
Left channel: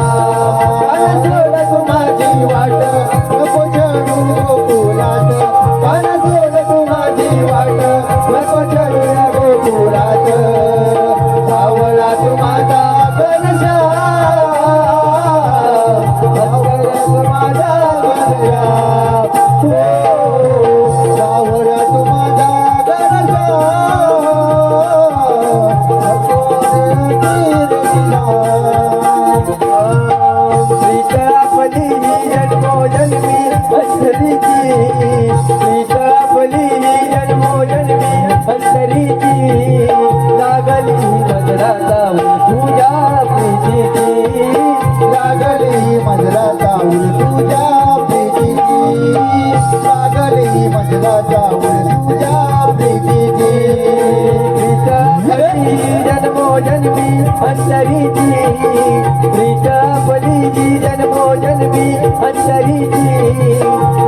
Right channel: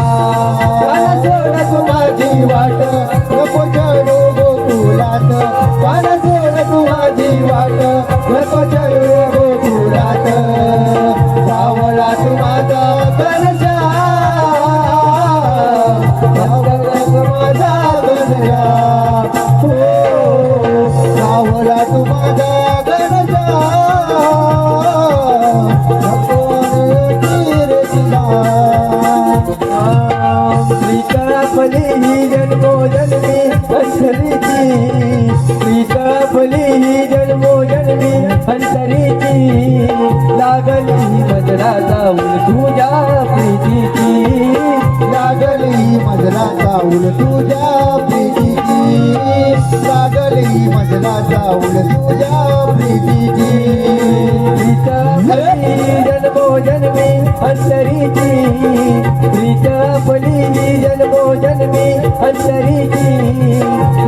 सोडा तू माझी वाट नको चढू गोकुळात सोडा तू माझी वाट नको चढू गोकुळात सावळा तू माझा घनश्याम अंतरात माझ्या तुझे नाव सावळा तू माझा प्रीतापली जन्मो जन्मी अंतरीची प्रीतापली जन्मो जन्मी अंतरीची लागली नजरा जाऊन तुझ्या प्रीतीची लागली नजरा जाऊन तुझ्या प्रीतीची लागली नजरा जाऊन तुझ्या प्रीतीची प्रीतापली जन्मो जन्मी अंतरीची प्रीतापली जन्मो जन्मी अंतरीची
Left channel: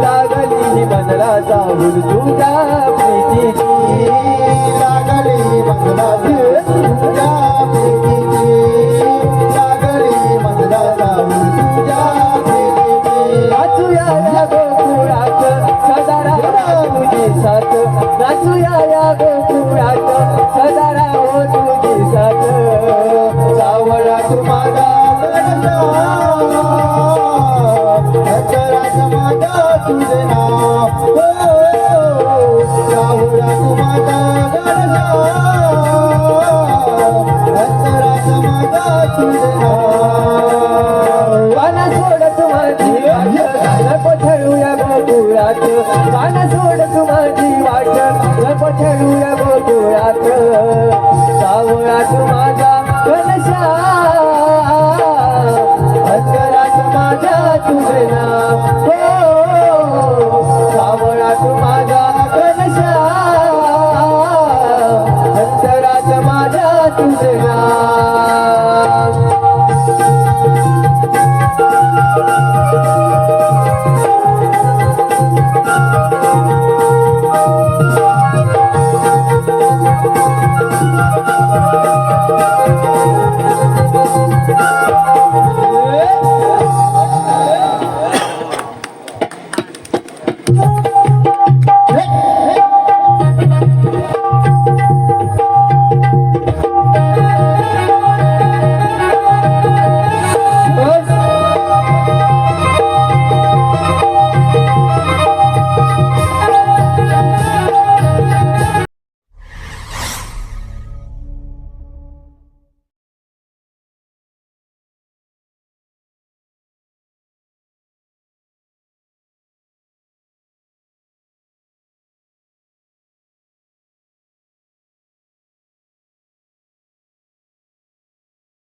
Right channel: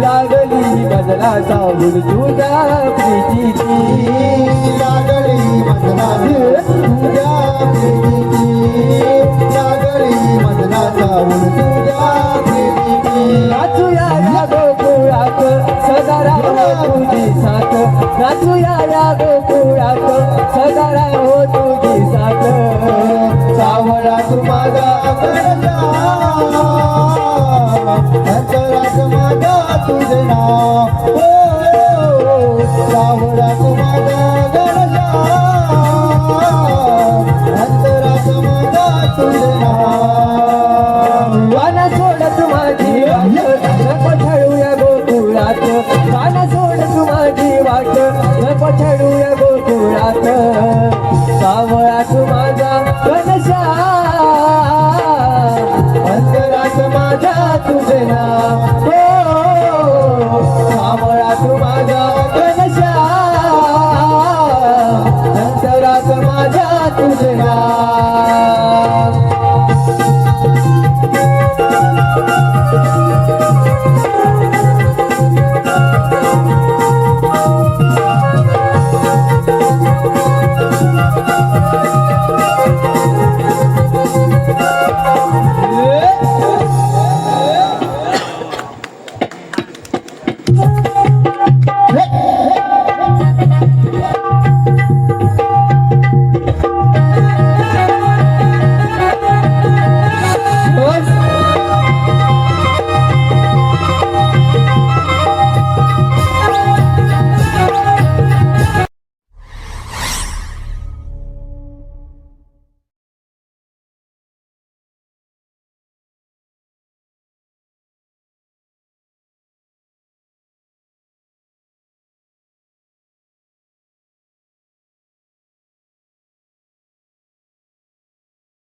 लागली नजरा जाऊन तुझ्या प्रीतीची लागली नजरा तुझ्या प्रीतीची लागली नजरा जाऊन तुझ्या प्रीतीची नाचूया या गोकुळात सदा राहो तुझी साथ नाचूया या गोकुळात सदा राहो तुझी साथ सावळा तू माझा अंतरात माझा तुझे नाव सावळा तू माझा अंतरात माझा तुझे नाव